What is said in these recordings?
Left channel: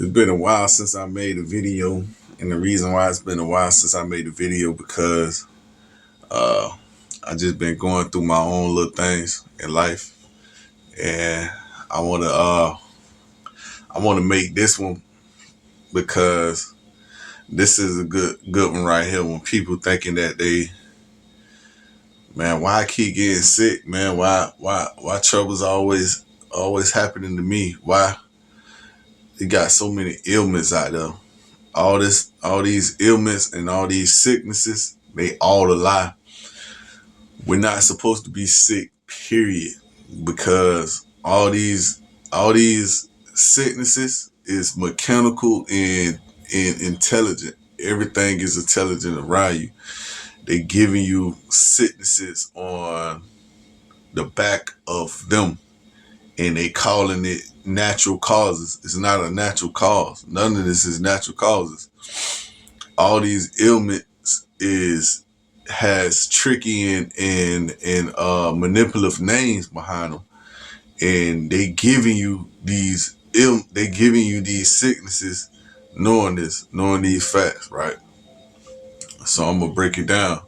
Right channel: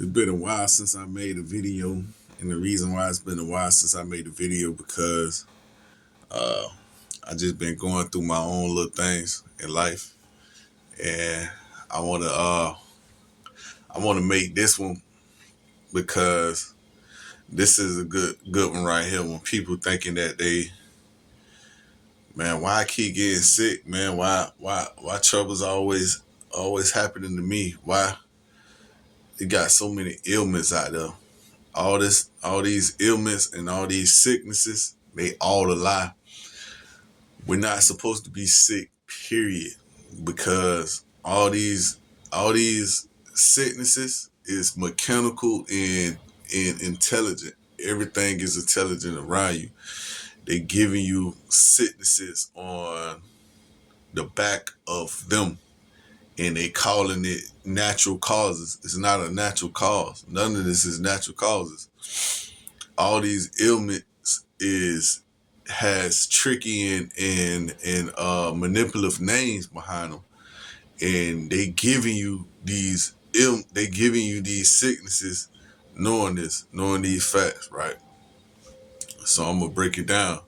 It's been a while since I made a video, and the reason why it's been a while since I made a video because uh, I just been going through my own little things in life, and I wanna make this one because this is a good one right here. When people thinking that man, why I keep getting sick, man? Why trouble's always happening to me? Why you got so many ailments out there? All these ailments and all these sicknesses, they all a lie. We're not supposed to be sick, period. Because all these sicknesses is mechanical and intelligent. Everything is intelligent around you. They giving you sicknesses on the back of them, and they calling it natural causes. It's not a natural cause. None of this is natural causes. All these ailments is has tricky and manipulative names behind them, and they giving you these sicknesses, knowing these facts, right? So I'm gonna break it down,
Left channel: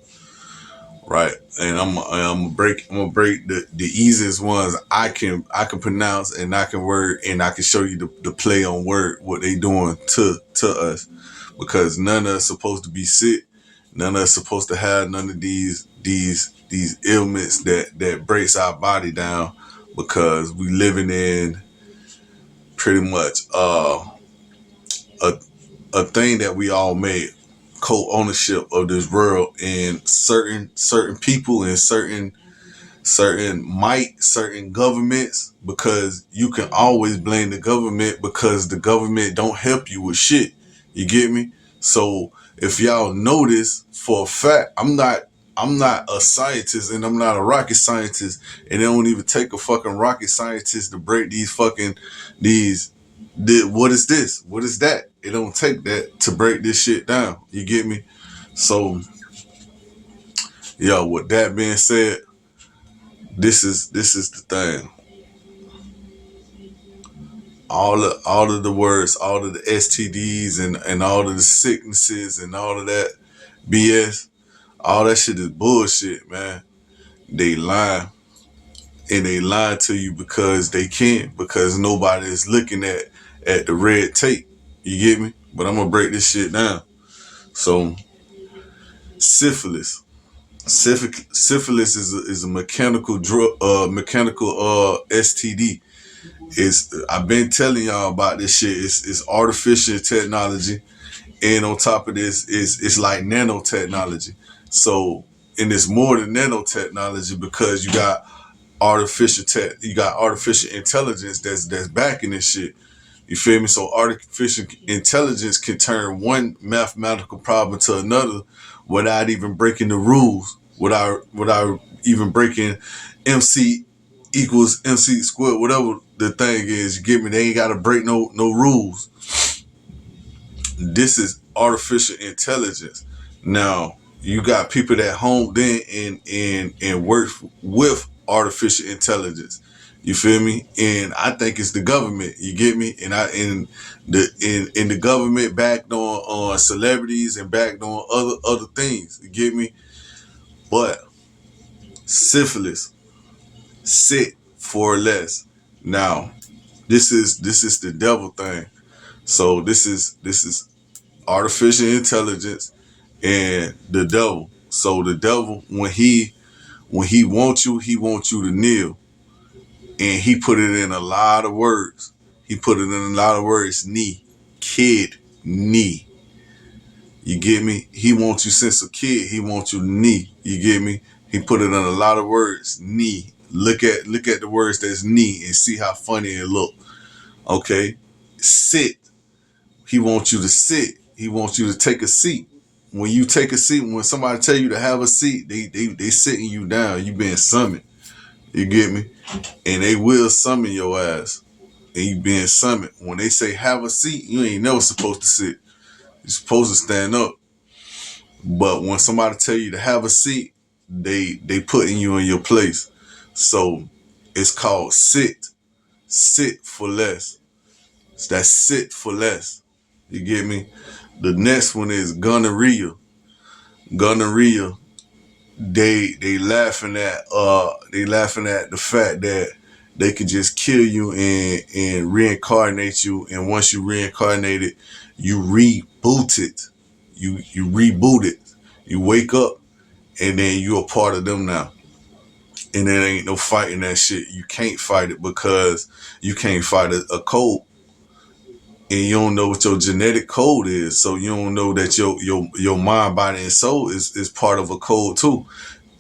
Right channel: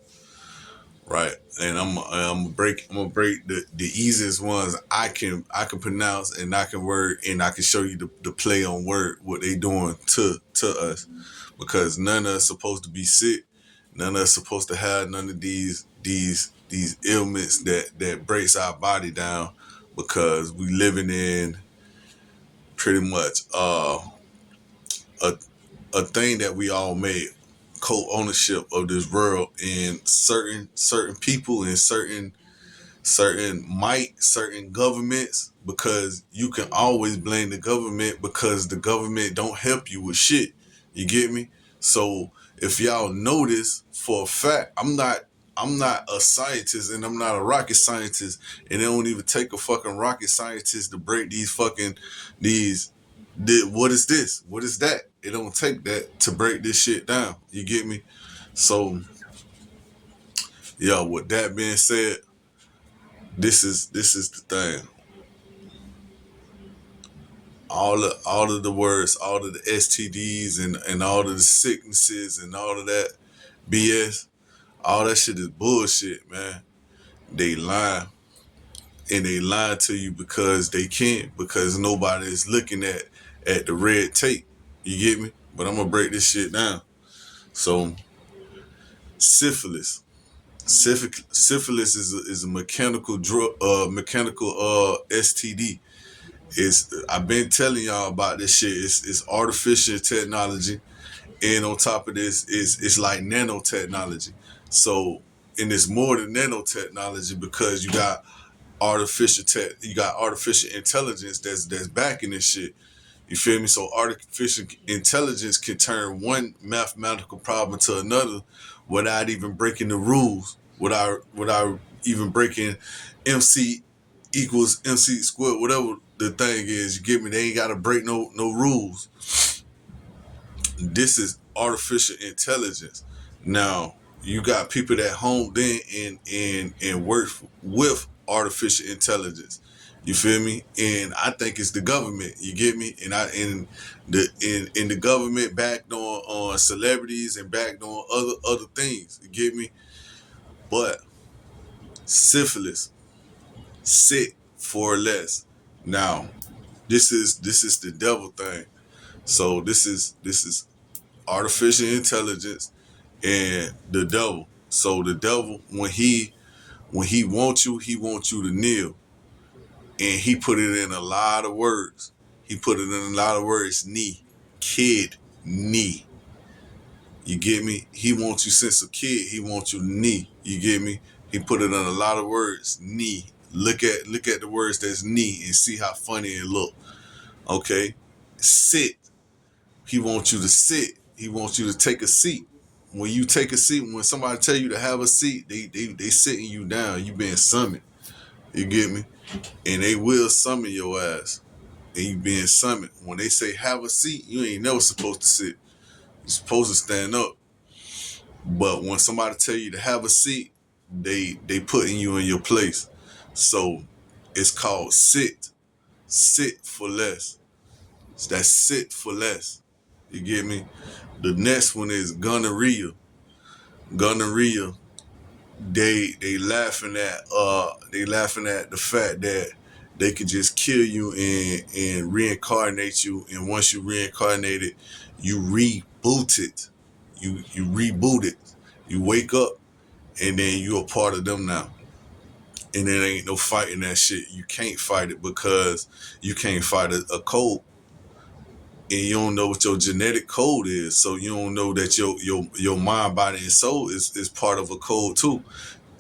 right? And I'm gonna break the easiest ones I can pronounce, and I can word, and I can show you the play on word what they doing to us, because none of us supposed to be sick. None of us supposed to have none of these ailments that breaks our body down, because we living in pretty much a a thing that we all made, co-ownership of this world, and certain people and certain governments, because you can always blame the government because the government don't help you with shit. You get me? So if y'all notice for a fact, I'm not a scientist, and I'm not a rocket scientist, and it don't even take a fucking rocket scientist to break these what is this? What is that? It don't take that to break this shit down. You get me? So, yo, with that being said, this is the thing. All of the words, all of the STDs and all of the sicknesses and all of that BS, all that shit is bullshit, man. They lie, and they lie to you because they can, because nobody is looking at the red tape. You get me? But I'm gonna break this shit down. So syphilis. Syphilis is a mechanical drug, mechanical STD. I've been telling y'all about this shit. It's artificial technology, and on top of this, it's like nanotechnology. So, and it's more than nanotechnology, because you got artificial intelligence that's backing this shit. You feel me? So artificial intelligence can turn one mathematical problem to another without even breaking the rules, without even breaking MC equals MC squared, whatever the thing is. You get me? They ain't gotta break no rules. This is artificial intelligence. Now you got people that honed in and work with artificial intelligence. You feel me? And I think it's the government. You get me? And the government backed on celebrities and backed on other things. You get me? But syphilis, sit for less. Now this is the devil thing. So this is artificial intelligence and the devil. So the devil, when he wants you to kneel, and he put it in a lot of words. He put it in a lot of words. Knee, kid, knee. You get me? He wants you since a kid. He wants you to knee. You get me? He put it in a lot of words. Knee. Look at the words that's knee and see how funny it look. Okay, sit. He wants you to sit. He wants you to take a seat. When you take a seat, when somebody tell you to have a seat, they sitting you down. You being summoned. You get me? And they will summon your ass. And you being summoned. When they say have a seat, you ain't never supposed to sit. You're supposed to stand up. But when somebody tell you to have a seat, they putting you in your place. So it's called sit. Sit for less. That's sit for less. You get me? The next one is gonorrhea. Gonorrhea. They laughing at the fact that they could just kill you and reincarnate you, and once you reincarnated, you reboot it. You reboot it. You wake up and then you're a part of them now. And there ain't no fighting that shit. You can't fight it because you can't fight a code. And you don't know what your genetic code is. So you don't know that your mind, body, and soul is part of a code too.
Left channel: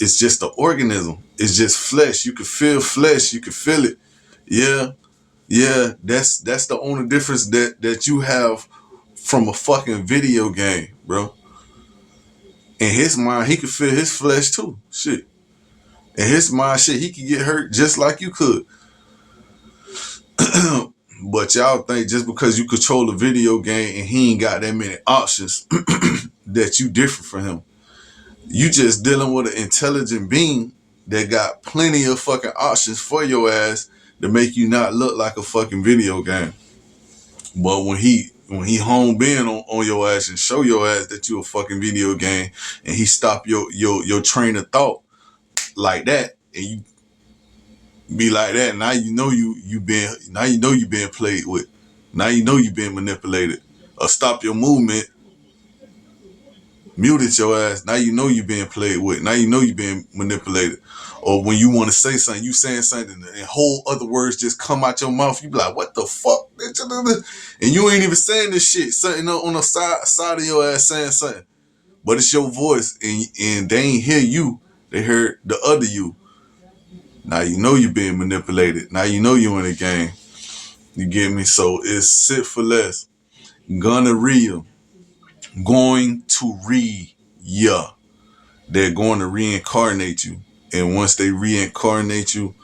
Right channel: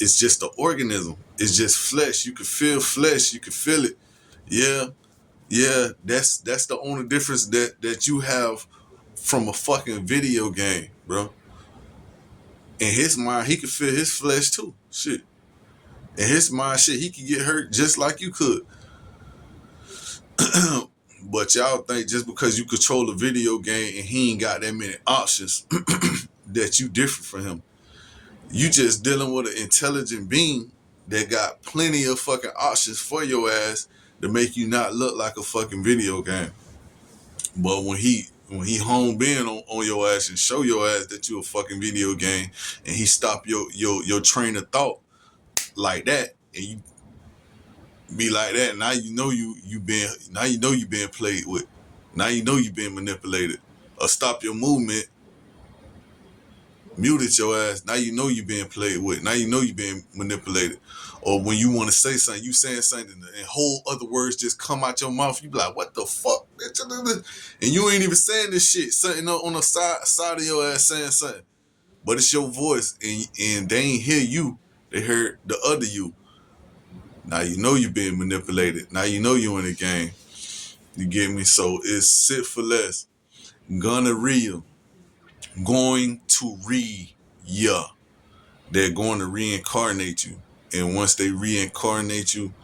It's just an organism. It's just flesh. You can feel flesh. You can feel it. Yeah, yeah. That's the only difference that you have from a fucking video game, bro. In his mind, he could feel his flesh too. Shit. In his mind, shit, he could get hurt just like you could. But y'all think just because you control a video game and he ain't got that many options that you different from him. You just dealing with an intelligent being that got plenty of fucking options for your ass to make you not look like a fucking video game. But when he home in on your ass and show your ass that you a fucking video game, and he stop your train of thought like that, and you be like that, now you know you being played with. Now you know you being manipulated. Or stop your movement, muted your ass. Now you know you being played with. Now you know you being manipulated. Or when you want to say something, you saying something and whole other words just come out your mouth. You be like, what the fuck? And you ain't even saying this shit. Something on the side of your ass saying something. But it's your voice and they ain't hear you. They heard the other you. Now you know you being manipulated. Now you know you in a game. You get me? So it's sit for less. Gonorrhea. Going to ya. They're going to reincarnate you. And once they reincarnate you,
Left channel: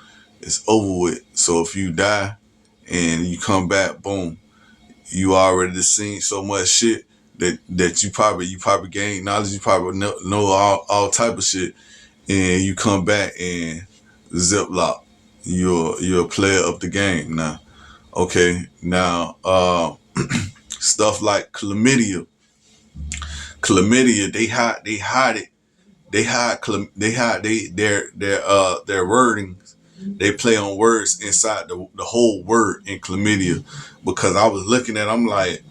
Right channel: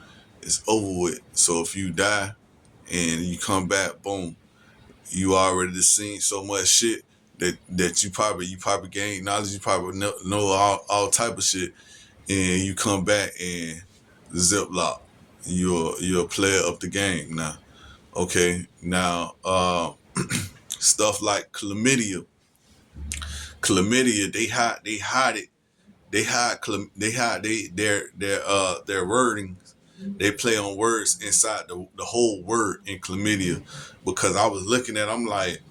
it's over with. So if you die and you come back, boom, you already seen so much shit that you probably gain knowledge. You probably know all type of shit. And you come back and ziplock. You're a player of the game now. Okay, now stuff like chlamydia. Chlamydia, they hide it. They hide their wordings. They play on words inside the whole word in chlamydia. Because I was looking at, I'm like,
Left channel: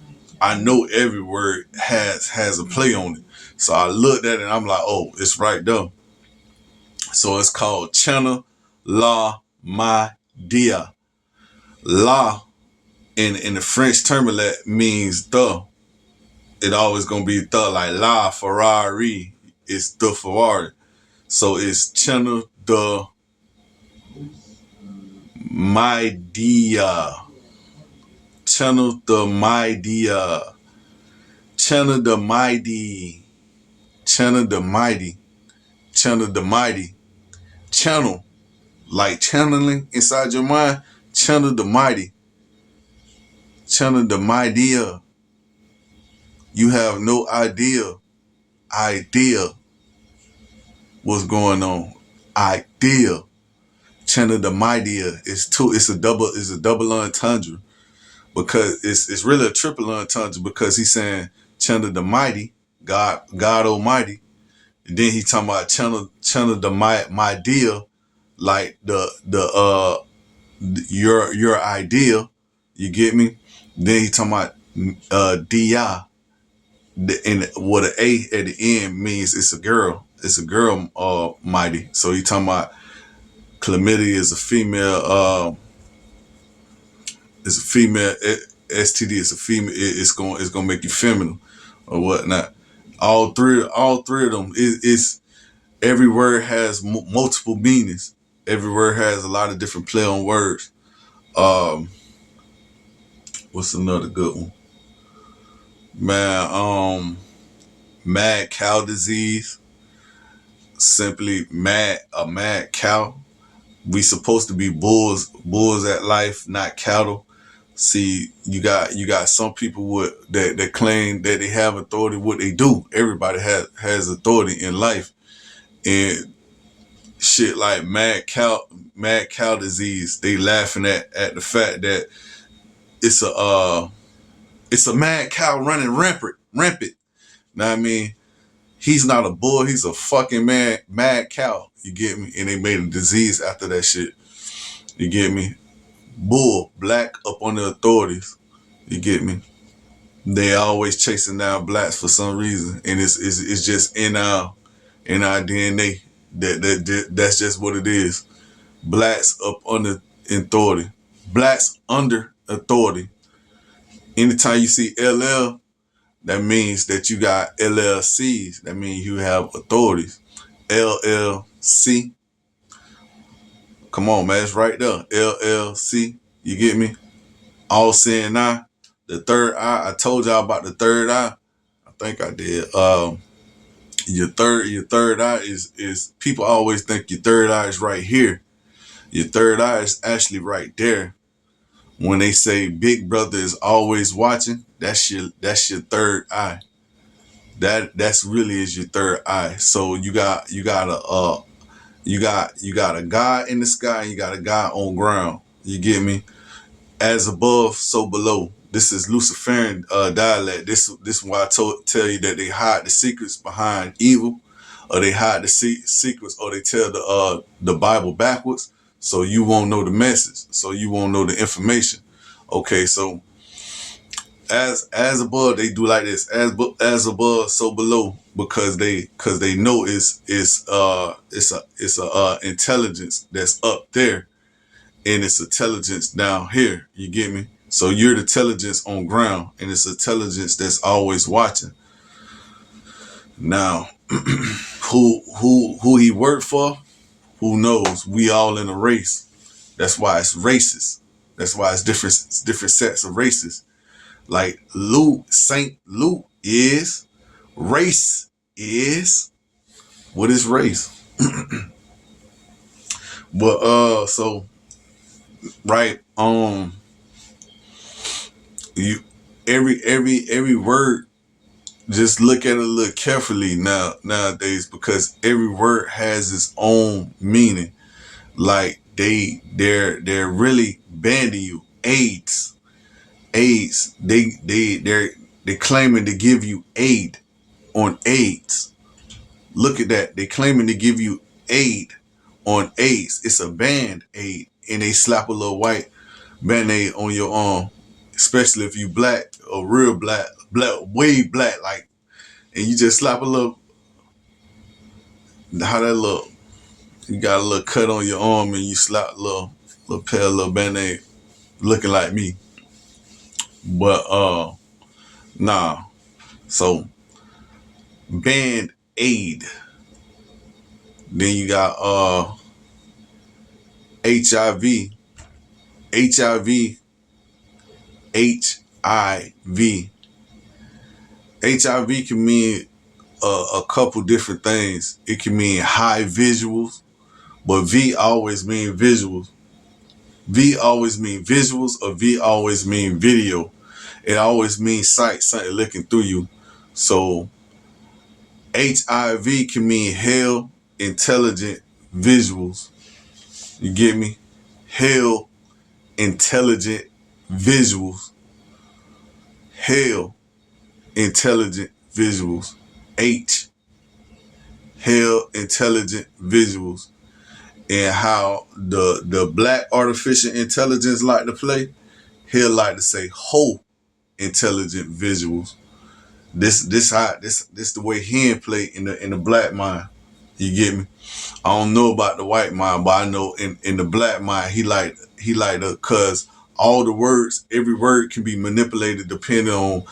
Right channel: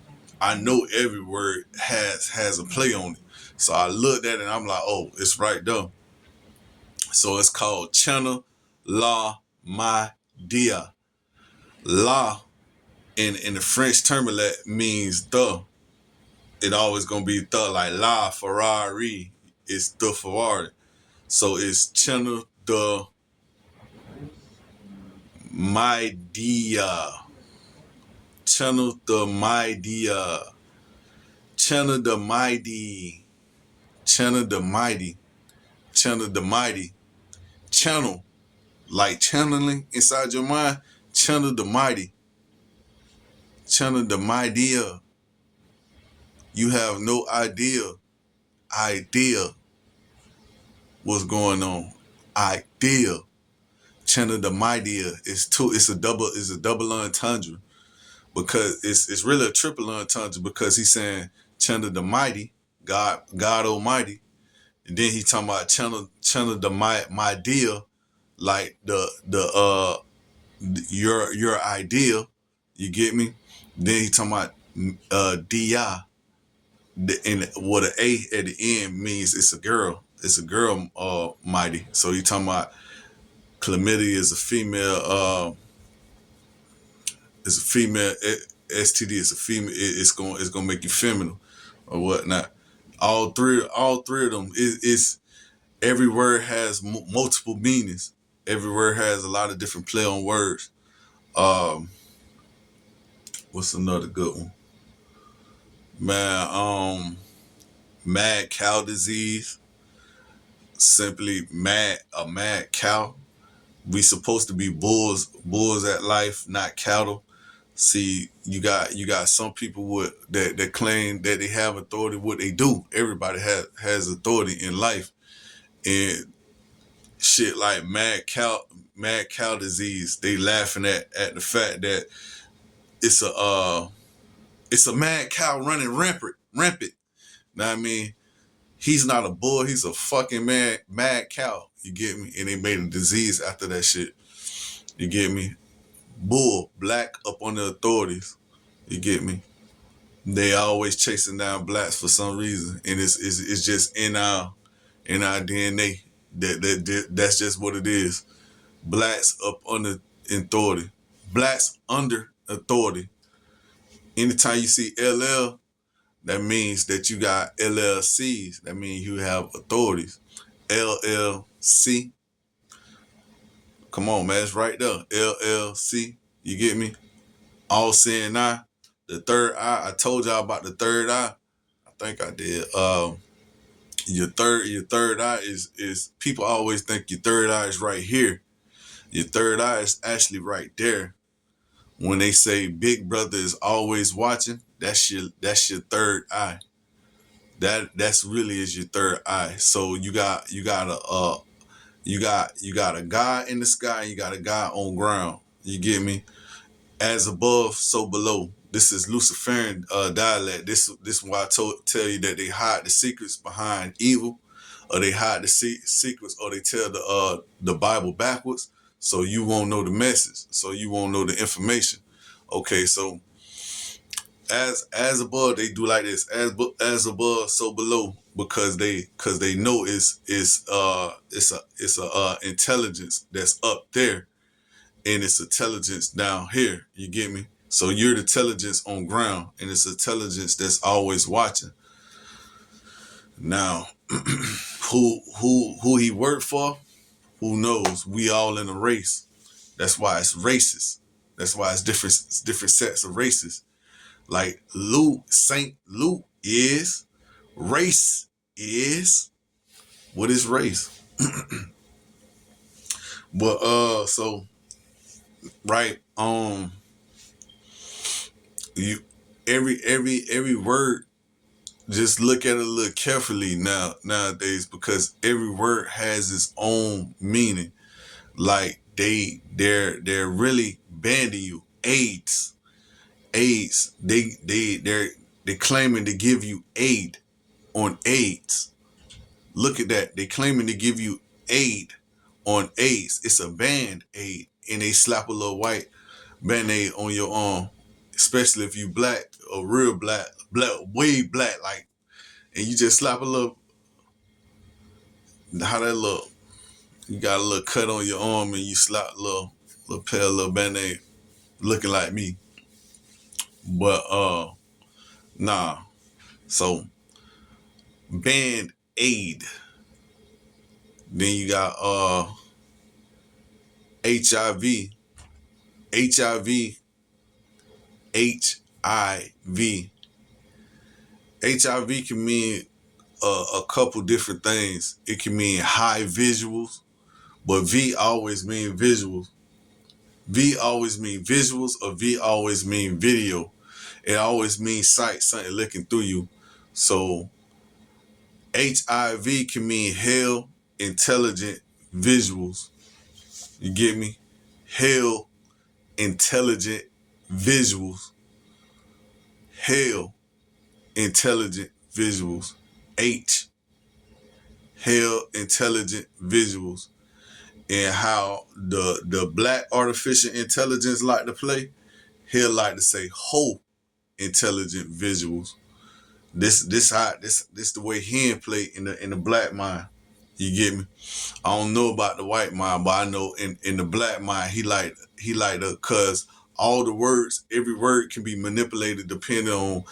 I know every word has a play on it. So I looked at it and I'm like, oh, it's right there. So it's called Chana La Ma Dia. La in the French terminal means the. It always gonna be the, like La Ferrari. It's the Ferrari. So it's Chana the Mightia. Channel the Mightia. Channel the Mighty. Channel the Mighty. Channel the Mighty. Channel. Like channeling inside your mind. Channel the Mighty. Channel the Mightia. You have no idea what's going on. Idea. Channel the Mightia. It's a double entendre. Because it's really a triple entendre, because he's saying channel the mighty, God Almighty, and then he talking about channel the my deal, like your idea, you get me? Then he talking about Di, and what an A at the end means it's a girl. It's a girl mighty. So he talking about chlamydia is a female. It's a female STD. It's a female. It's gonna make you feminine or whatnot. All three of them. It's every word has multiple meanings. Every word has a lot of different play on words. What's another good one? Man, mad cow disease. Simply a mad cow. We supposed to be bulls at life, not cattle. See, you got some people that claim that they have authority. What they do, everybody has authority in life, and shit like mad cow disease. They laughing at the fact that it's a mad cow running rampant. Know what I mean? He's not a bull. He's a fucking mad cow. You get me? And they made a disease after that shit. You get me? Bull, black up on the authorities. You get me? They always chasing down blacks for some reason, and it's just in our DNA. That's just what it is. Blacks up under authority. Blacks under authority. Anytime you see LL, that means that you got LLCs. That means you have authorities. LLC. Come on, man. It's right there. LLC. You get me? All seeing eye. The third eye. I told y'all about the third eye. I think I did. Your third eye is people always think your third eye is right here. Your third eye is actually right there. When they say Big Brother is always watching, that's your third eye. That's really is your third eye. So you got a God in the sky, and you got a God on ground. You get me? As above, so below. This is Luciferian dialect. This is why I tell you that they hide the secrets behind evil, or they hide the secrets, or they tell the Bible backwards, so you won't know the message, so you won't know the information. Okay, so as above, they do like this. As above, so below, because they know it's a intelligence that's up there, and it's intelligence down here. You get me? So you're the intelligence on ground, and it's intelligence that's always watching. Now, who he worked for? Who knows? We all in a race. That's why it's racist. That's why it's different sets of races. Like Saint Luke is, race is. What is race? But so right, you every word, just look at it a little carefully nowadays, because every word has its own meaning. Like they're really banning you. AIDS. They're claiming to give you aid on AIDS. Look at that. They're claiming to give you aid on AIDS. It's a band-aid, and they slap a little white band-aid on your arm, especially if you black, or real black, way black, like, and you just slap a little. How that look? You got a little cut on your arm, and you slap a little pale little band-aid, looking like me. But nah. So band-aid. Then you got HIV. HIV. HIV can mean a couple different things. It can mean high visuals, but V always mean visuals. V always mean visuals, or V always mean video. It always means sight, something looking through you. So HIV can mean hell intelligent visuals. You get me? Hell intelligent visuals. Hell intelligent visuals. H, hell intelligent visuals. And how the black artificial intelligence like to play, he'll like to say whole intelligent visuals. This the way he play in the black mind. You get me? I don't know about the white mind, but I know in the black mind he like to, cause all the words, every word can be manipulated depending on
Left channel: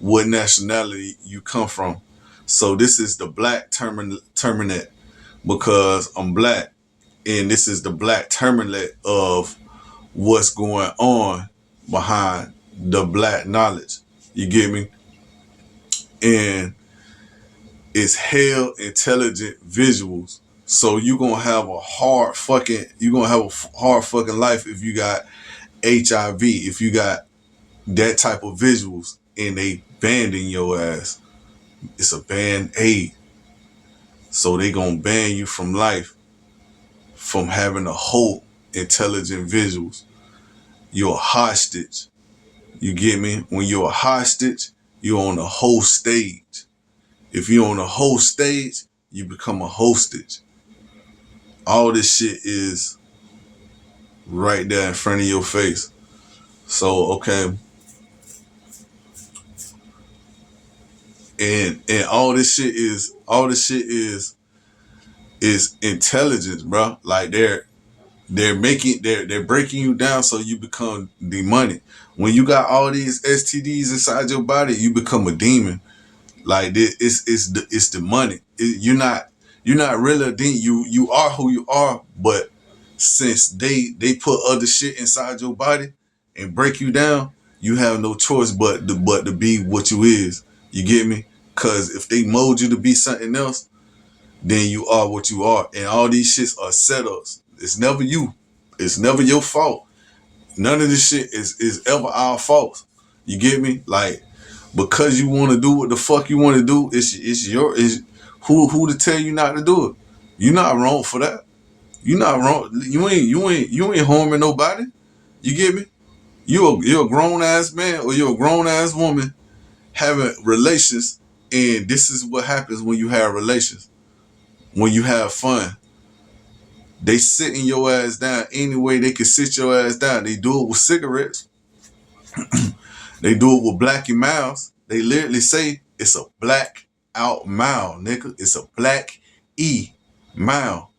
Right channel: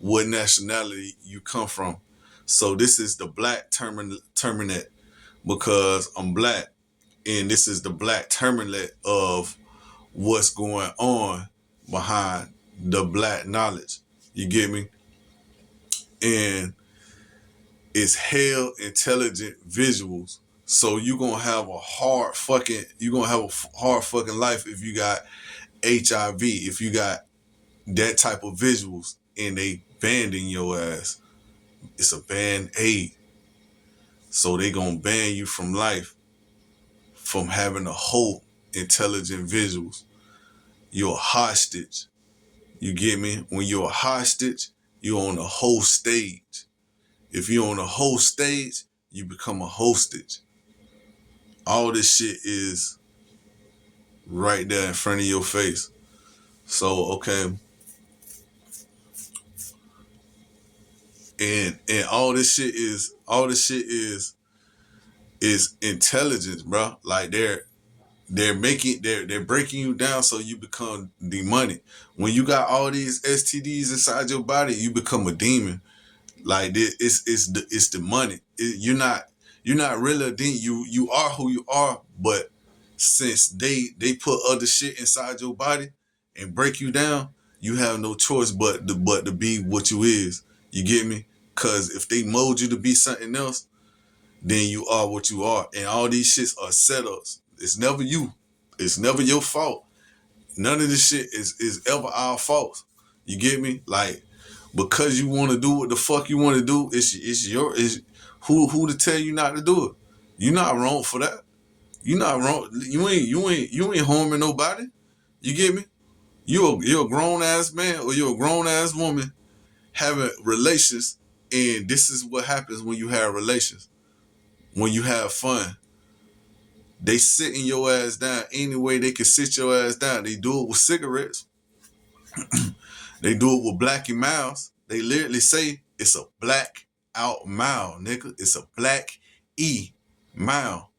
what nationality you come from. So this is the black terminate, because I'm black, and this is the black terminate of what's going on behind the black knowledge. You get me? And it's hell intelligent visuals. So you're gonna have a hard fucking life if you got HIV, if you got that type of visuals, and they banning your ass. It's a band-aid. So they gonna ban you from life, from having a whole intelligent visuals. You're a hostage. You get me? When you're a hostage, you're on the whole stage. If you're on the whole stage, you become a hostage. All this shit is right there in front of your face. So okay, and all this shit is intelligence, bro. Like they're breaking you down so you become demonic. When you got all these STDs inside your body, you become a demon. Like it's demonic. You're not really a demon. You are who you are, but since they put other shit inside your body and break you down, you have no choice but to be what you is. You get me? Cause if they mold you to be something else, then you are what you are. And all these shits are setups. It's never you. It's never your fault. None of this shit is ever our fault. You get me? Like, because you want to do what the fuck you want to do, it's who to tell you not to do it. You're not wrong for that. You're not wrong. You ain't harming nobody. You get me? You're a grown ass man or you're a grown ass woman having relations, and this is what happens when you have relations. When you have fun, they sitting your ass down any way they can sit your ass down. They do it with cigarettes. They do it with Blackie Miles. They literally say it's a black out mile, nigga. It's a black E mile.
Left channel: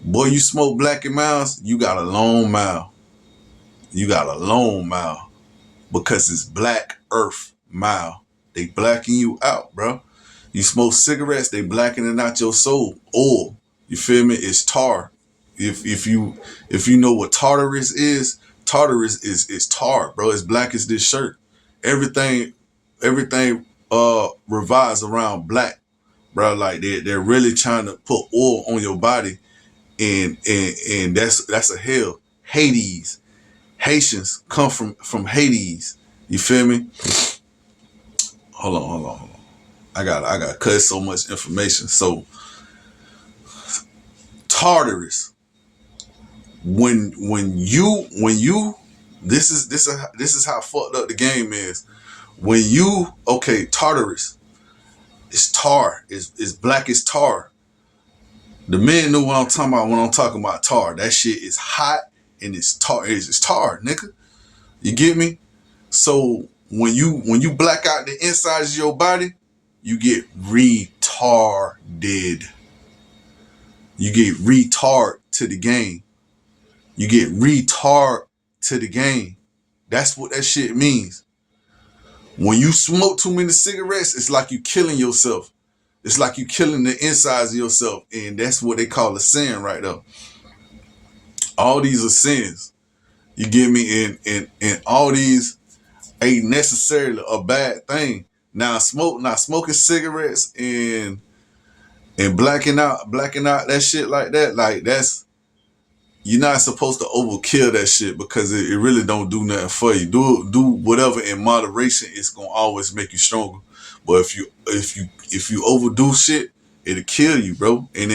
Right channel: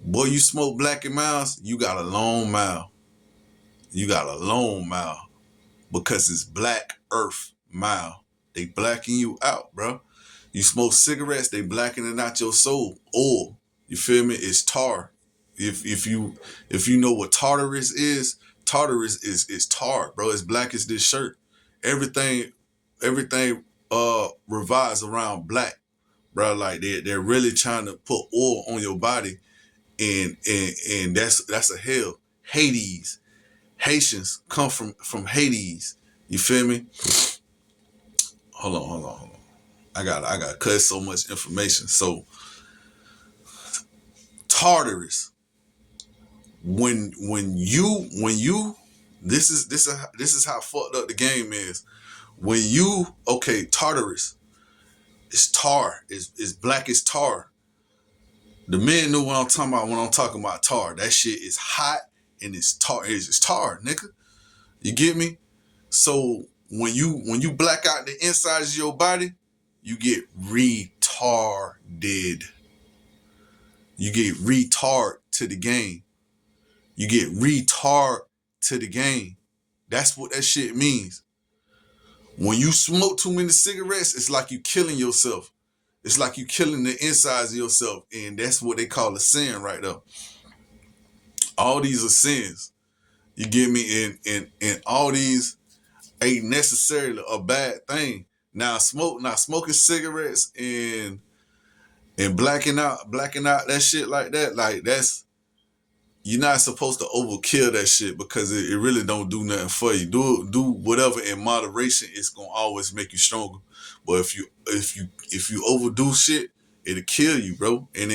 Boy, you smoke Blackie Miles, you got a long mile. You got a long mile because it's Black Earth mile. They blacking you out, bro. You smoke cigarettes, they blackening out your soul. Oil, you feel me? It's tar. If you know what Tartarus is, Tartarus is tar, bro. It's black as this shirt. Everything revolves around black, bro. Like they're really trying to put oil on your body, and that's a hell. Hades. Haitians come from Hades. You feel me? Hold on. I got cut so much information. So Tartarus. When you this is how fucked up the game is. When you Tartarus, it's tar. It's black as tar. The men know what I'm talking about when I'm talking about tar. That shit is hot and it's tar. It's tar, nigga. You get me? So when you black out the insides of your body, you get retarded. You get retard to the game. You get retard to the game. That's what that shit means. When you smoke too many cigarettes, it's like you killing yourself. It's like you killing the insides of yourself. And that's what they call a sin right there. All these are sins. You get me? And all these ain't necessarily a bad thing. Now smoking cigarettes and blacking out that shit like that, like you're not supposed to overkill that shit because it really don't do nothing for you. Do whatever in moderation. It's gonna always make you stronger. But if you overdo shit, it'll kill you, bro. And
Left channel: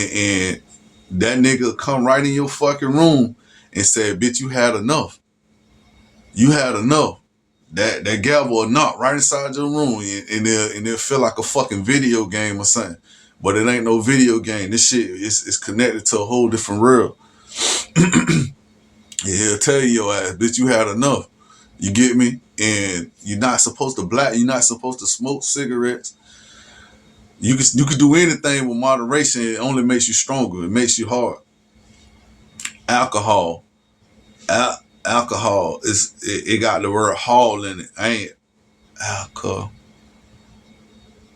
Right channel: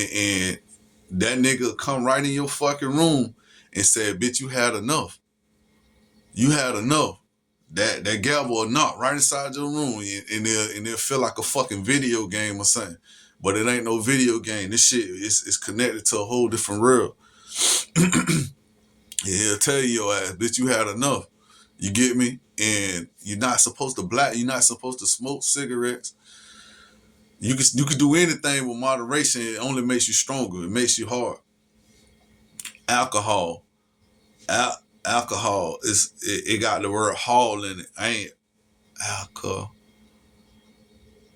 that nigga come right in your fucking room and say, "Bitch, you had enough. You had enough." That gavel will knock right inside your room and they'll feel like a fucking video game or something. But it ain't no video game. This shit is connected to a whole different world. He'll tell you your ass, bitch, you had enough. You get me? And you're not supposed to smoke cigarettes. You can do anything with moderation. It only makes you stronger. It makes you hard. Alcohol. Alcohol it got the word hall in it. Ain't alcohol.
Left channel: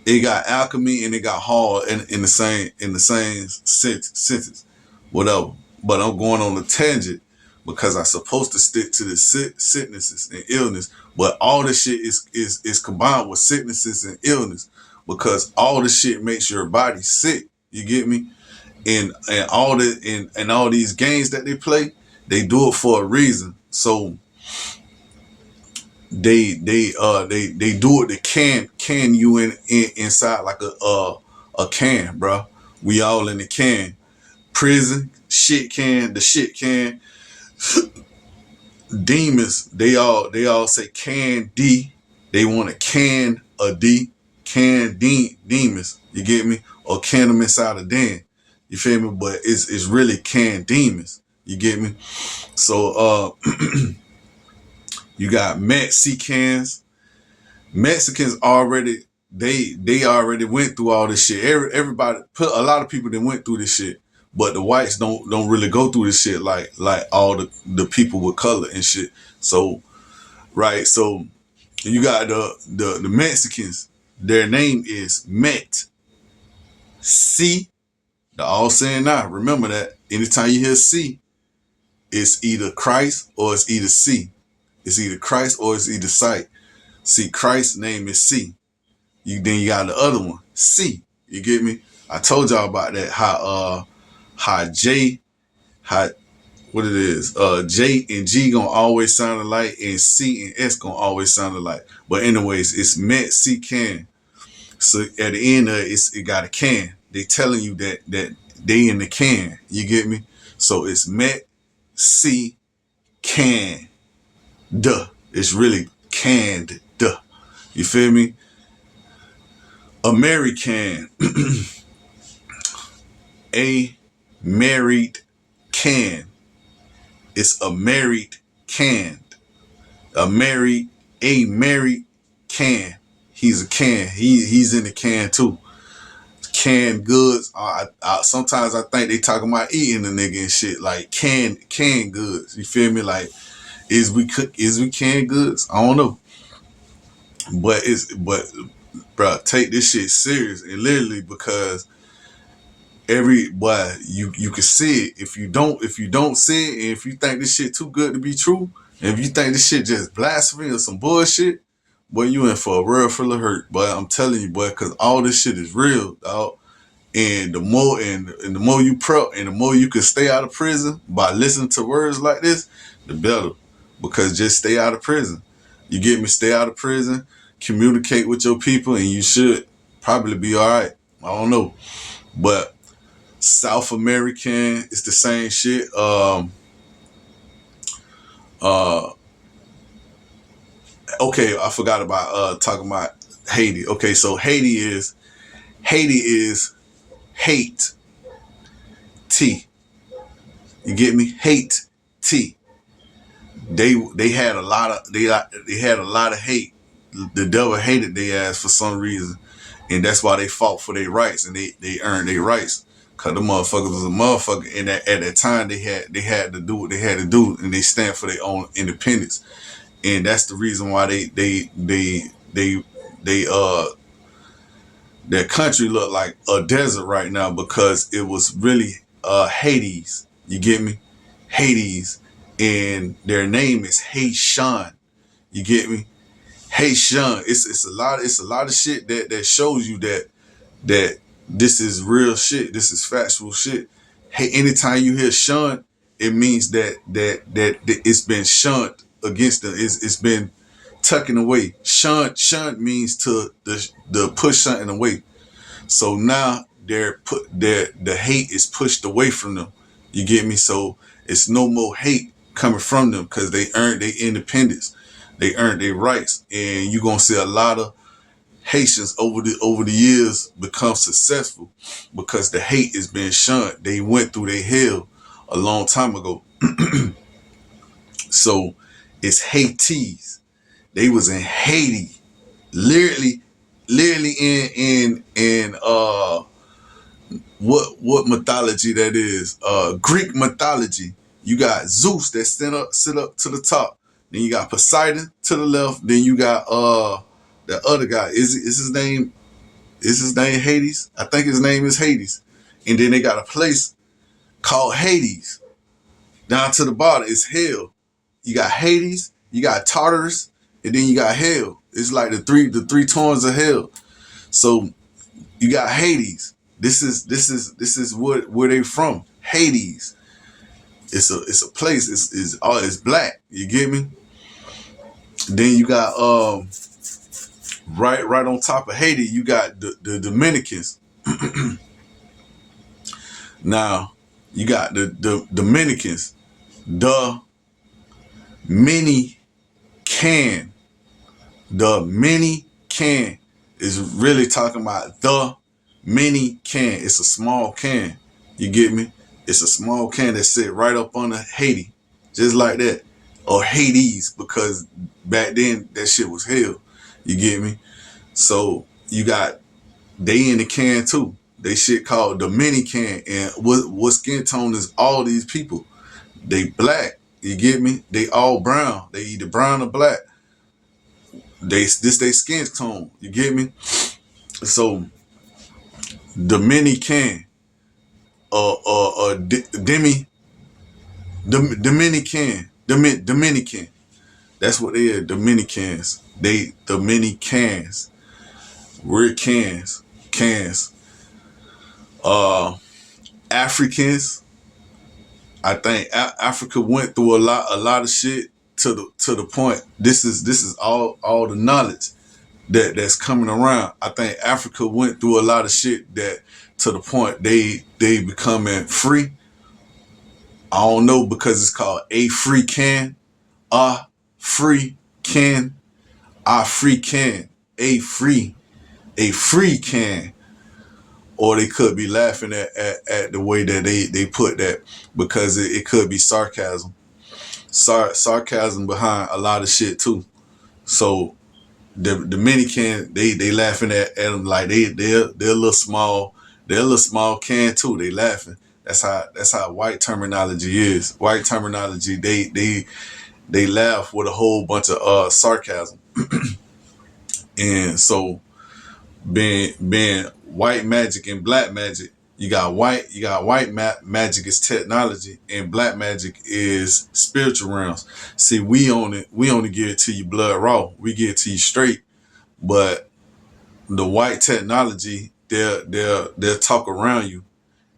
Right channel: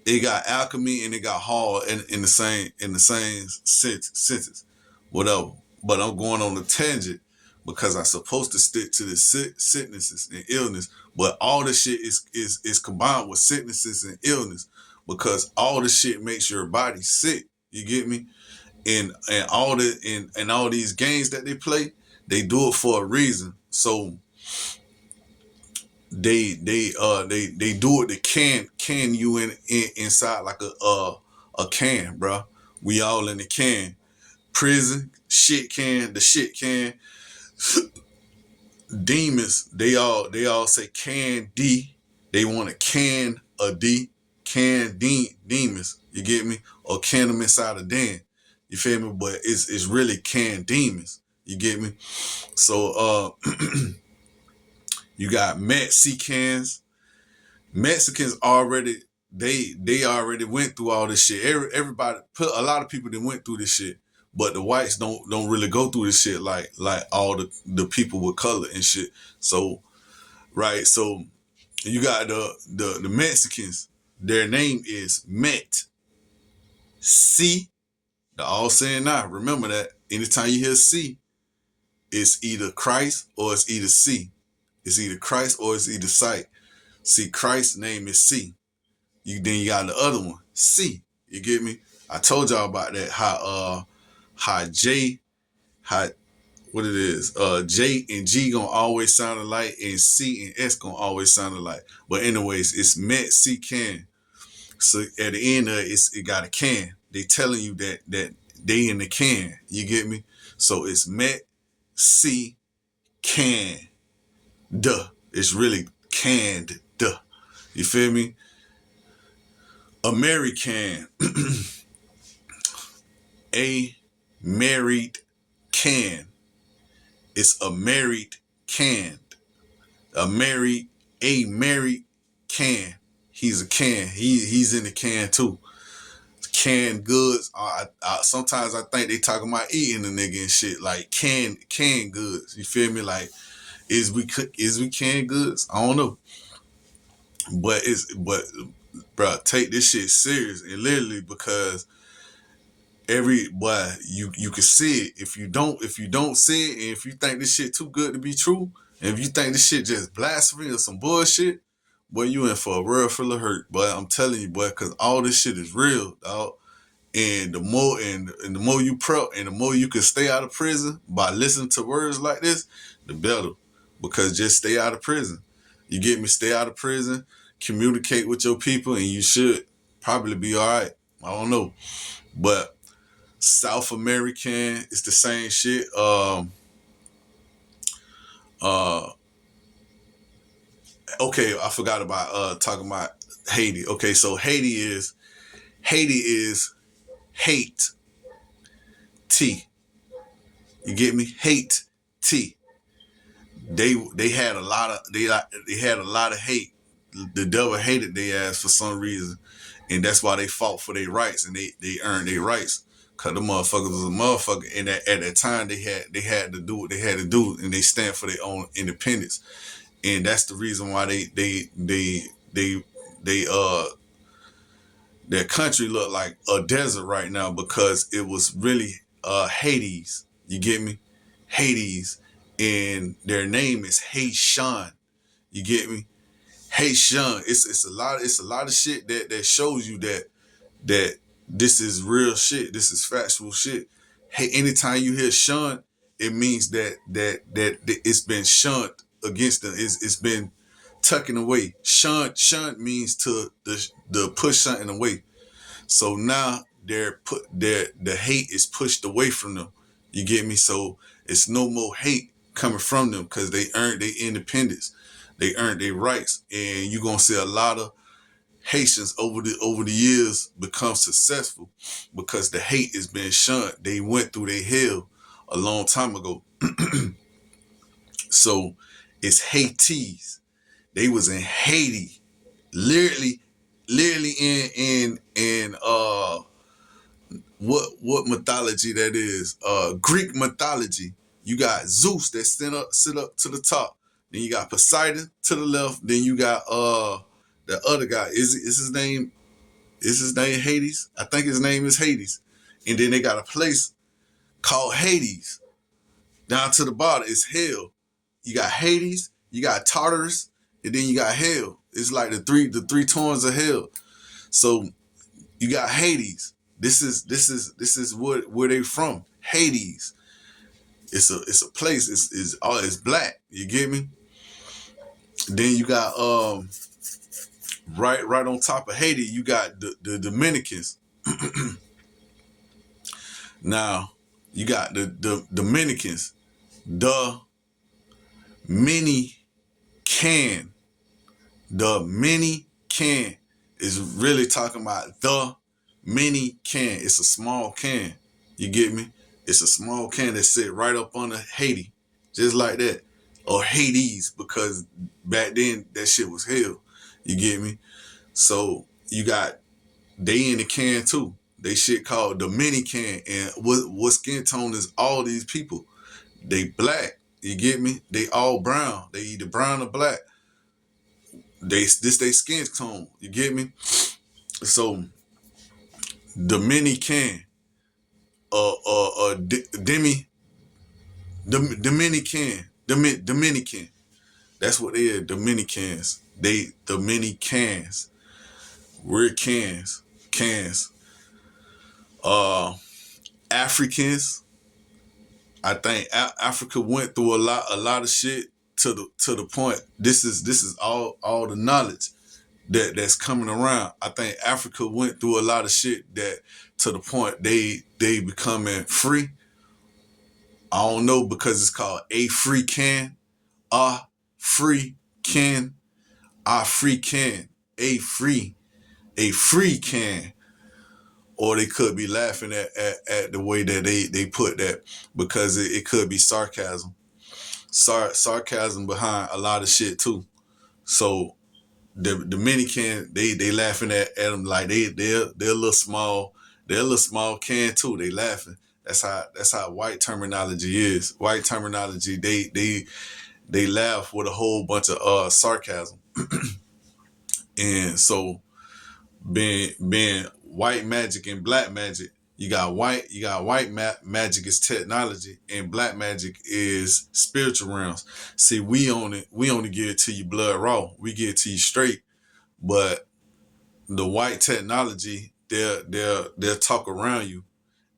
It got alchemy and it got hall in the same sentence. Whatever. But I'm going on a tangent because I'm supposed to stick to the sicknesses and illness. But all this shit is combined with sicknesses and illness because all this shit makes your body sick. You get me? And all these games that they play, they do it for a reason. So they do it to can you inside like a can, bro. We all in the can. Prison, shit can, the shit can. demons, they all say can D. They want to can a D, can demons. You get me? Or can them inside a den. You feel me? But it's really can demons. You get me? So you got Mexicans. Mexicans already they already went through all this shit. Everybody put a lot of people that went through this shit. But the whites don't really go through this shit like all the people with color and shit. So right, so you got the Mexicans. Their name is Met. C. The all saying now. Remember that. Anytime you hear C, it's either Christ or it's either C. It's either Christ or it's either sight. See, Christ's name is C. Then you got the other one, C. You get me? I told y'all about that. How J, how what it is. J and G gonna always sound alike, and C and S gonna always sound alike. But anyways, it's Met C can. So at the end of it got a can. They telling you that they in the can. You get me? So it's Met C can. Duh. It's really canned. Duh. You feel me? American. A married can. It's a married can. A married can. He's a can. He's in the can too. Canned goods. Sometimes I think they talking about eating the nigga and shit. Like canned goods. You feel me? Like is we canned goods? I don't know. But bro, take this shit serious and literally because you can see it. If you don't see it, and if you think this shit too good to be true, and if you think this shit just blasphemy or some bullshit, boy, you in for a real full of hurt. But I'm telling you, boy, because all this shit is real, dog. And the more you prep and the more you can stay out of prison by listening to words like this, the better. Because just stay out of prison. You get me? Stay out of prison, communicate with your people, and you should probably be all right. I don't know. But South American, it's the same shit. Okay, I forgot about talking about Haiti. Okay, so Haiti is hate T. You get me? Hate T. They had a lot of hate. The devil hated their ass for some reason, and that's why they fought for their rights and they earned their rights. Cause the motherfuckers was a motherfucker, and at that time they had to do what they had to do, and they stand for their own independence, and that's the reason why their country looked like a desert right now because it was really Hades. You get me? Hades, and their name is Haitian. You get me? Haitian. It's a lot of shit that shows you that this is real shit. This is factual shit. Hey, anytime you hear shunned, it means that it's been shunned against the. It's been tucking away. Shunned means to the push something away. So now the hate is pushed away from them. You get me? So it's no more hate coming from them because they earned their independence. They earned their rights, and you're gonna see a lot of Haitians over the years become successful because the hate is being shunned. They went through their hell a long time ago. So it's Haitis. They was in Haiti, literally in what mythology that is? Greek mythology. You got Zeus that sit up to the top. Then you got Poseidon to the left. Then you got the other guy. Is his name Hades? I think his name is Hades. And then they got a place called Hades. Down to the bottom is hell. You got Hades, you got Tartarus, and then you got hell. It's like the three tones of hell. So you got Hades. This is where they from. Hades. It's a place. It's black. You get me? Then you got right on top of Haiti, you got the Dominicans. Now you got the Dominicans. Many can. The many can is really talking about the many can. It's a small can. You get me? It's a small can that sit right up under Haiti. Just like that. Or Hades, because back then that shit was hell. You get me? So you got they in the can too. They shit called the mini can. And what skin tone is all these people? They black. You get me? They all brown. They either brown or black. This they skin tone. You get me? So the mini can, Demi, the Dominican, Dominican. That's what they are. Dominicans. They Dominicans. We're cans. Africans. I think Africa went through a lot of shit to the point. This is all the knowledge that's coming around. I think Africa went through a lot of shit that to the point they becoming free. I don't know, because it's called a free can, free can, free can, a free can. Or they could be laughing at the way that they put that, because it could be sarcasm. Sarcasm behind a lot of shit too. So the Dominican, they laughing at them like they're a little small can too. They laughing. That's how white terminology is. White terminology, they laugh with a whole bunch of sarcasm. And so being white magic and black magic, you got white magic is technology, and black magic is spiritual realms. See, we only give it to you blood raw. We give it to you straight. But the white technology, they'll talk around you,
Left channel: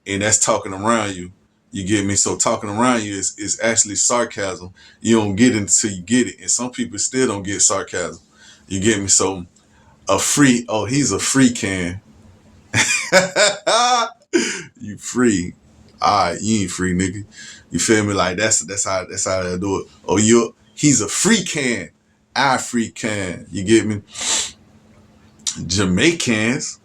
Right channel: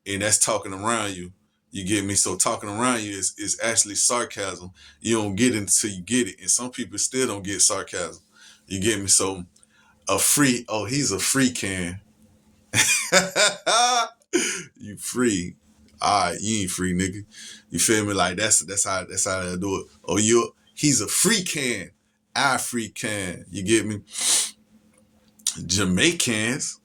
and that's talking around you. You get me? So talking around you is actually sarcasm. You don't get it until you get it. And some people still don't get sarcasm. You get me? So he's a free can. You free. All right, you ain't free, nigga. You feel me? Like that's how they do it. Oh, he's a free can. I free can. You get me? Jamaicans,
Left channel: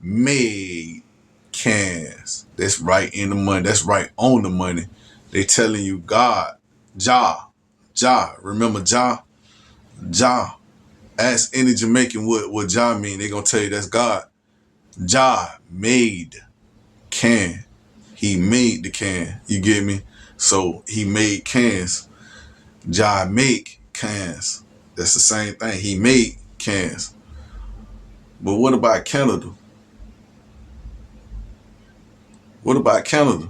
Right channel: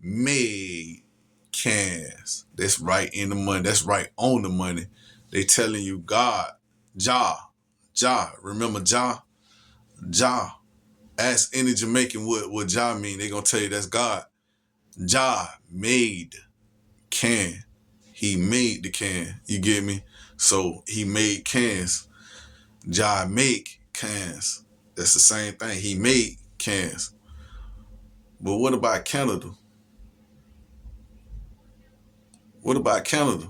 made cans. That's right in the money. That's right on the money. They telling you God, Jah. Remember Jah? Jah. Ask any Jamaican what Jah mean. They gonna tell you that's God. Jah made can. He made the can. You get me? So he made cans. Jah make cans. That's the same thing. He made cans. But what about Canada? What about Canada?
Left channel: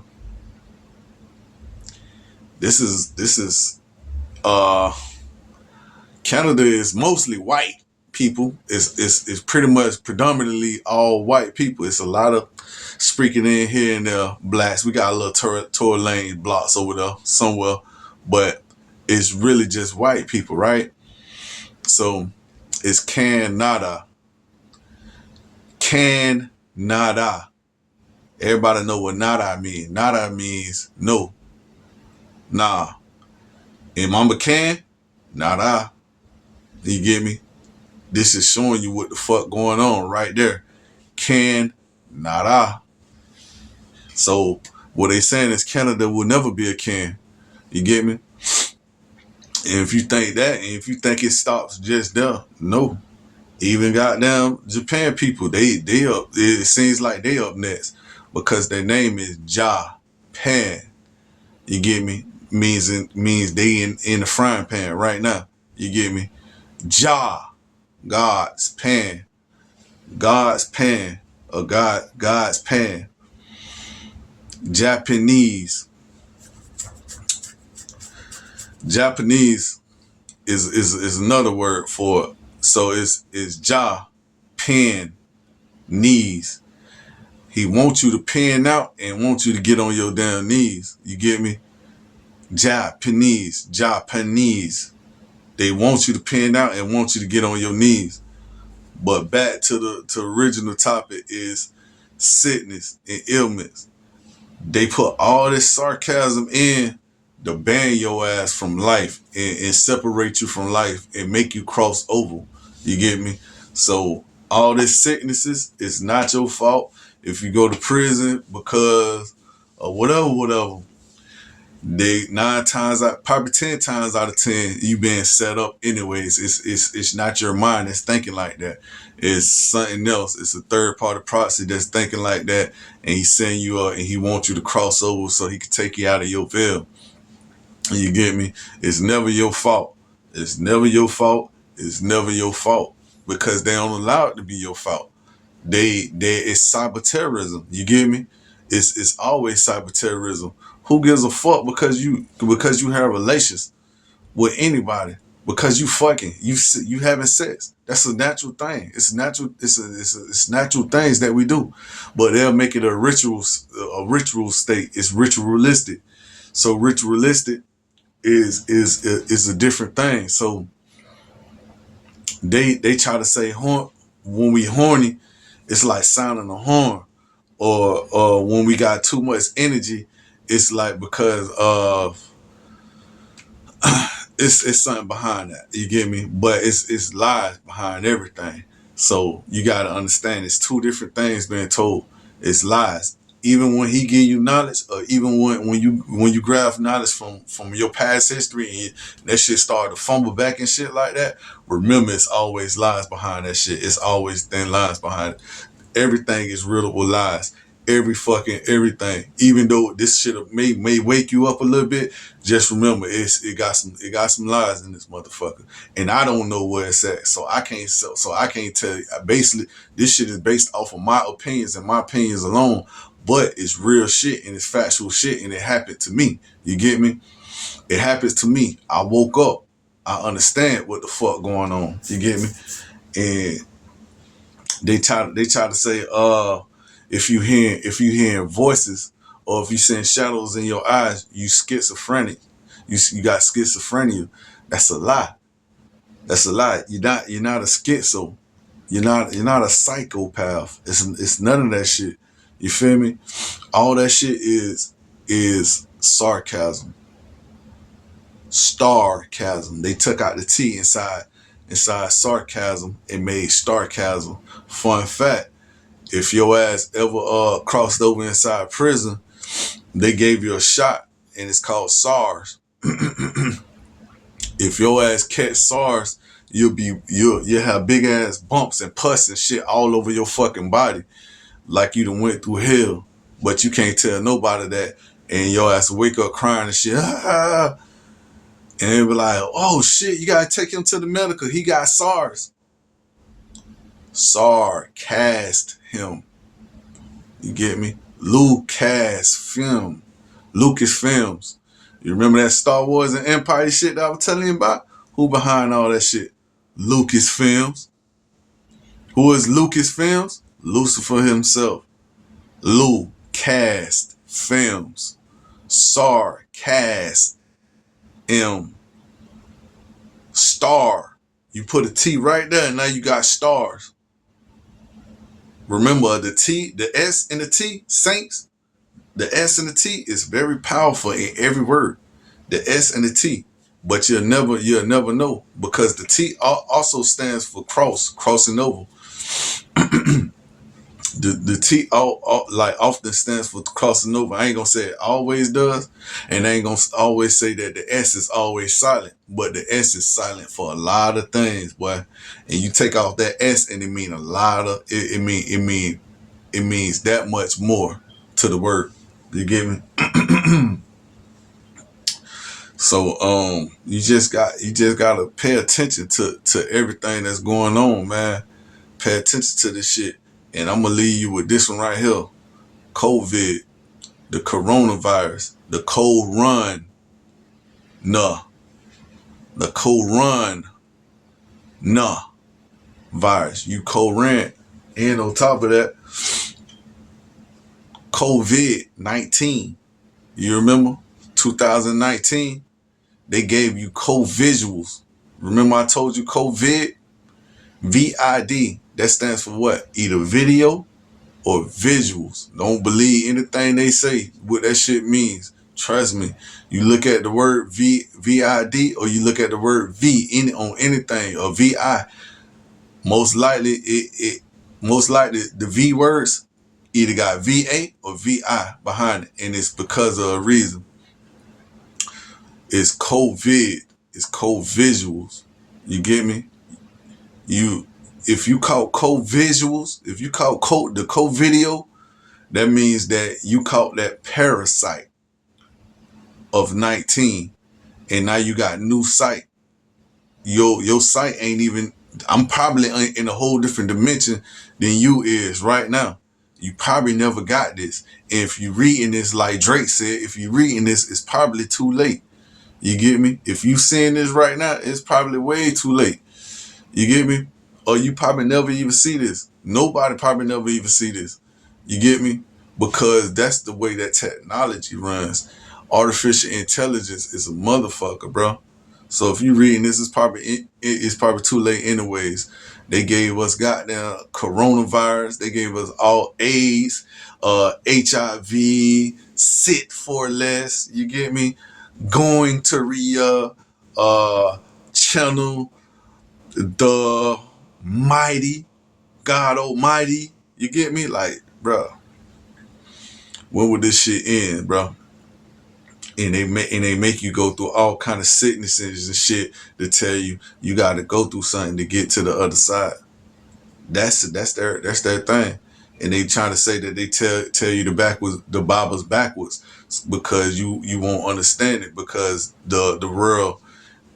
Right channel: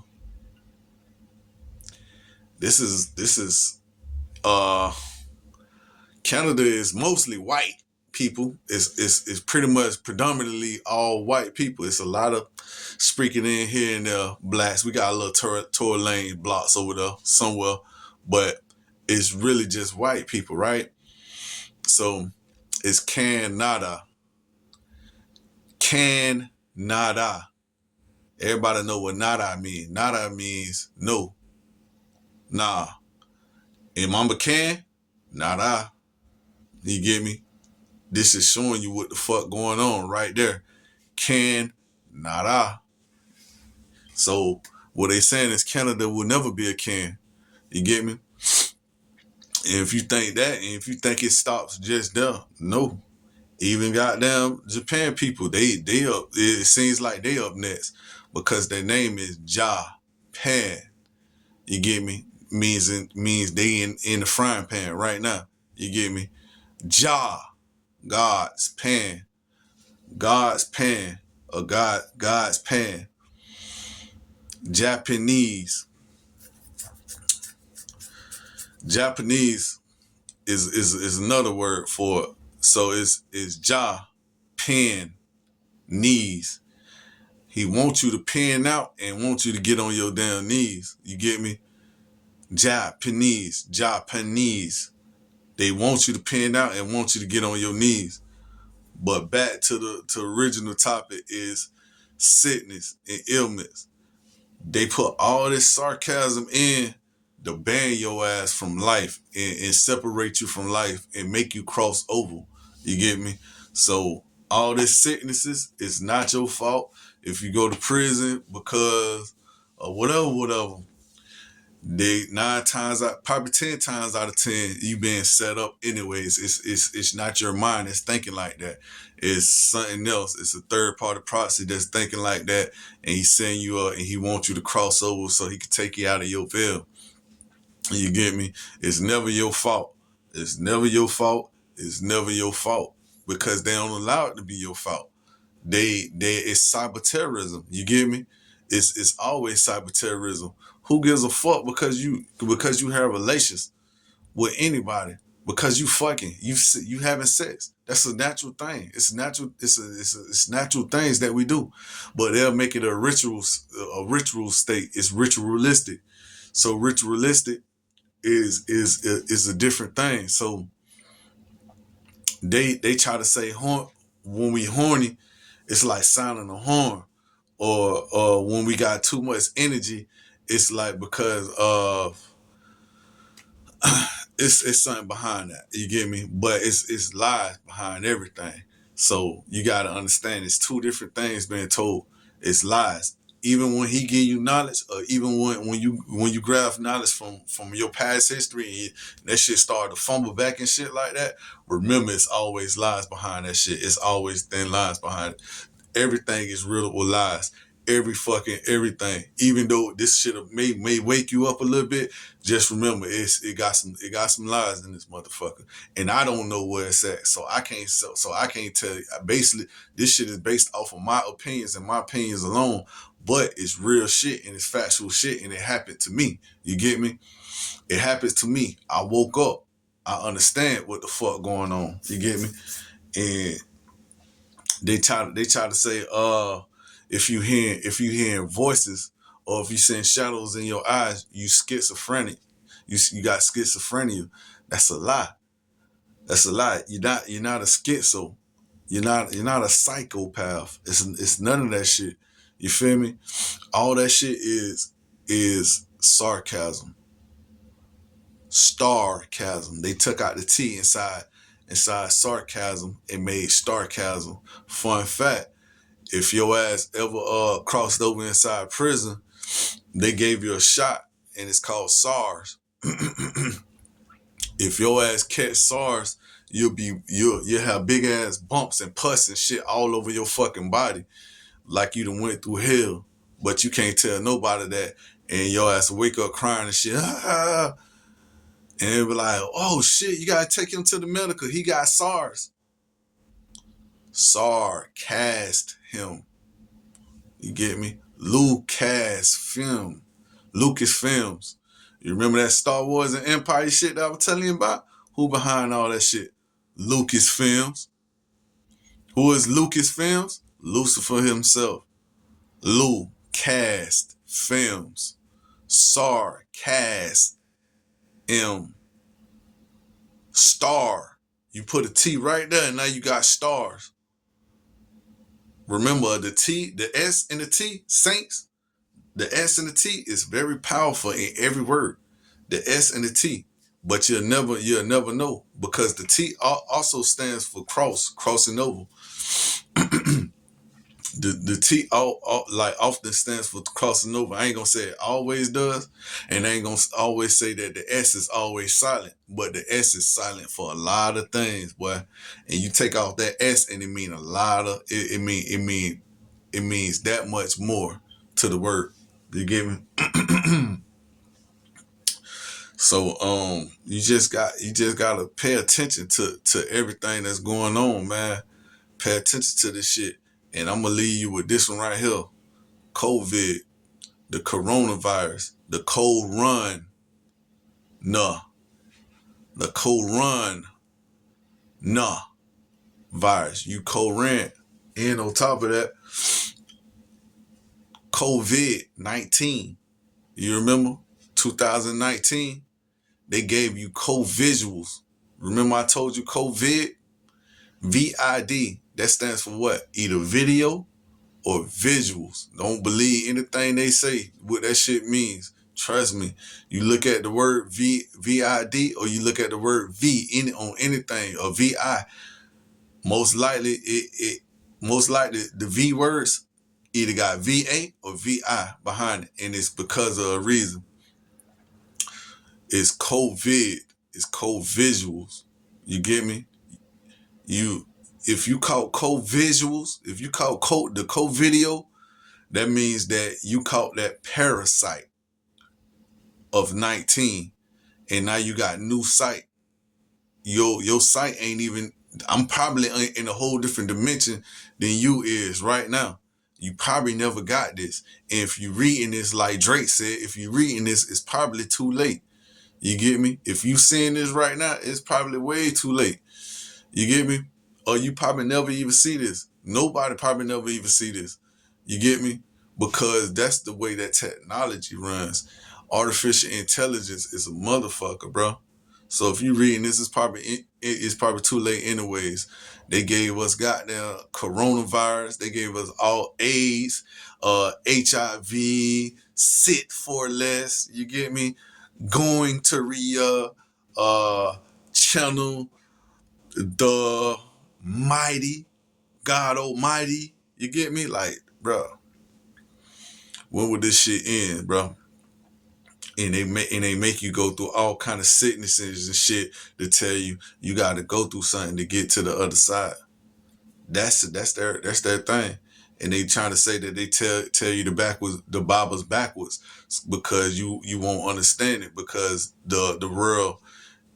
This is Canada is mostly white people. It's pretty much predominantly all white people. It's a lot of sprinkling in here and there blacks. We got a little Tory Lane blocks over there somewhere, but it's really just white people, right? So it's Canada. Canada. Everybody know what nada means. Nada means no. Nah. And Mamba can? Nada. You get me? This is showing you what the fuck going on right there. Nada. So what they saying is Canada will never be a can. You get me? And if you think that, and if you think it stops just there, no. Even goddamn Japan people, they up. It seems like they up next because their name is Japan. You get me? Means they in the frying pan right now. You get me? God's pan, or God's pan. Japanese is another word for it. So it's pen knees. He wants you to pen out and wants you to get on your damn knees. You get me? Japanese. They want you to pen out and want you to get on your knees. But back to the original topic is sickness and illness. They put all this sarcasm in to ban your ass from life and separate you from life and make you cross over. You get me? So all this sicknesses is not your fault. If you go to prison because of whatever, they 9 times out, probably 10 times out of 10, you being set up anyways. It's not your mind that's thinking like that. It's something else. It's a third party proxy that's thinking like that, and he's setting you up, and he wants you to cross over so he can take you out of your veil. You get me? It's never your fault. It's never your fault. It's never your fault because they don't allow it to be your fault. It's cyber terrorism. You get me? It's always cyber terrorism. Who gives a fuck because you have relations with anybody? Because you fucking you having sex. That's a natural thing. It's natural. It's natural things that we do, but they'll make it a ritual state. It's ritualistic. So ritualistic is a different thing. So they try to say when we horny, it's like sounding a horn, or when we got too much energy, it's like because of it's something behind that. You get me? But it's lies behind everything. So you gotta understand it's two different things being told. It's lies. Even when he give you knowledge, or even when you grab knowledge from your past history and that shit start to fumble back and shit like that, remember it's always lies behind that shit. It's always thin lies behind it. Everything is riddled with lies. Every fucking everything. Even though this shit may wake you up a little bit, just remember it got some lies in this motherfucker. And I don't know where it's at. So I can't tell you. Basically, this shit is based off of my opinions and my opinions alone. But it's real shit and it's factual shit and it happened to me. You get me? It happens to me. I woke up. I understand what the fuck going on. You get me? And they try to say, if you hearing voices or if you seeing shadows in your eyes, you schizophrenic. You got schizophrenia. That's a lie. That's a lie. You're not a schizo. You're not a psychopath. It's none of that shit. You feel me? All that shit is sarcasm. Starcasm. They took out the T inside sarcasm and made starcasm. Fun fact, if your ass ever crossed over inside prison, they gave you a shot and it's called SARS. If your ass catch SARS, you'll have big ass bumps and pus and shit all over your fucking body, like you done went through hell. But you can't tell nobody that, and your ass wake up crying and shit. Ah, and they be like, oh shit, you gotta take him to the medical. He got SARS. SAR cast him. You get me? Lucasfilm. Lucasfilms. You remember that Star Wars and Empire shit that I was telling you about? Who behind all that shit? Lucasfilms. Who is Lucasfilms? Lucifer himself. Lucas Films. Sarcast M. Star. You put a T right there and now you got stars. Remember the T, the S and the T, saints, the S and the T is very powerful in every word. The S and the T. But you'll never know because the T also stands for crossing over. The T like often stands for crossing over. I ain't gonna say it always does, and I ain't gonna always say that the S is always silent, but the S is silent for a lot of things, boy. And you take off that S, and it mean a lot of it means that much more to the word. You get me? So you just gotta pay attention to everything that's going on, man. Pay attention to this shit. And I'm gonna leave you with this one right here. COVID, the coronavirus, the corona, the corona virus. You co-rent. And on top of that, COVID-19. You remember? 2019, they gave you co-visuals. Remember I told you COVID? VID. That stands for what? Either video or visuals. Don't believe anything they say, what that shit means. Trust me. You look at the word VID, or you look at the word V on anything, or VI. Most likely, the V words either got VA or VI behind it, and it's because of a reason. It's COVID. It's co-visuals. You get me? If you caught co-visuals, if you caught the co-video, that means that you caught that parasite of 19, and now you got new sight. Your sight ain't even. I'm probably in a whole different dimension than you is right now. You probably never got this. And if you reading this, like Drake said, if you reading this, it's probably too late. You get me? If you seeing this right now, it's probably way too late. You get me? Or you probably never even see this. Nobody probably never even see this. You get me? Because that's the way that technology runs. Artificial intelligence is a motherfucker, bro. So if you reading this, it's probably too late anyways. They gave us goddamn coronavirus. They gave us all AIDS, HIV, sit for less. You get me? Going to Rhea, channel the mighty, God Almighty. You get me? Like, bro, when would this shit end, bro? And they make you go through all kind of sicknesses and shit to tell you you got to go through something to get to the other side. That's their thing, and they trying to say that they tell you the Bible's backwards because you won't understand it, because the world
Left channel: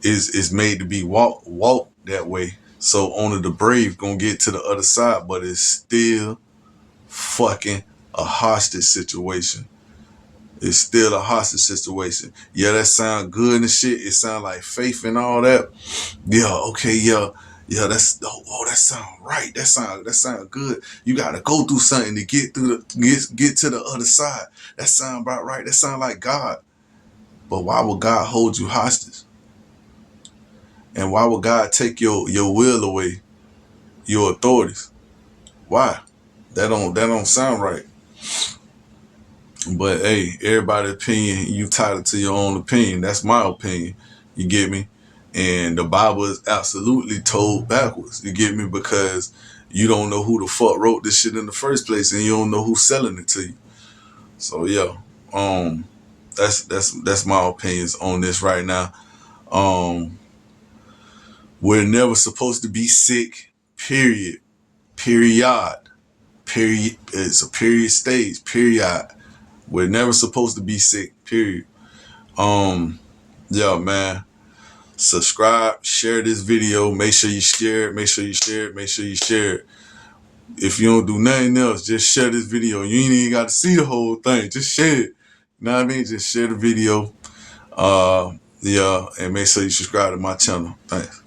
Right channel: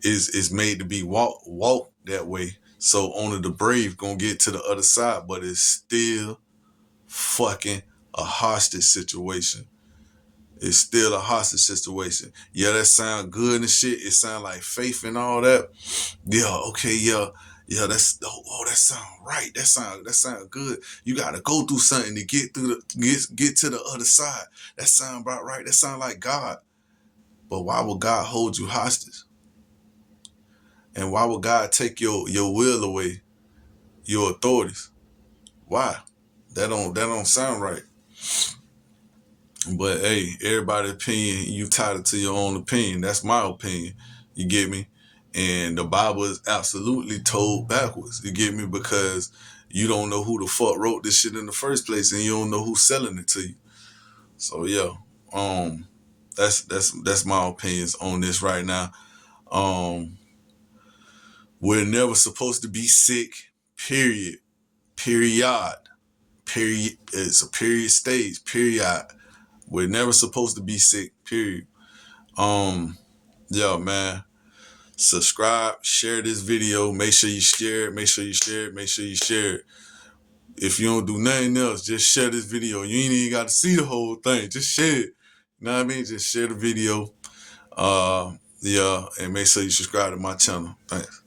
is made to be walk that way. So only the brave gonna get to the other side, but it's still fucking a hostage situation. It's still a hostage situation. Yeah, that sound good and shit. It sound like faith and all that. Yeah, okay, yeah. Yeah, that sound right. That sound good. You gotta go through something to get get to the other side. That sound about right. That sound like God. But why would God hold you hostage? And why would God take your will away, your authorities? Why? That don't sound right. But hey, everybody's opinion, you tied to your own opinion. That's my opinion. You get me? And the Bible is absolutely told backwards. You get me? Because you don't know who the fuck wrote this shit in the first place, and you don't know who's selling it to you. So yeah, that's my opinions on this right now. We're never supposed to be sick. Period. Period. Period. It's a period stage. Period. We're never supposed to be sick. Period. Yeah, man. Subscribe, share this video. Make sure you share it. Make sure you share it. Make sure you share it. If you don't do nothing else, just share this video. You ain't even got to see the whole thing. Just share it. You know what I mean? Just share the video. Yeah, and make sure you subscribe to my channel. Thanks.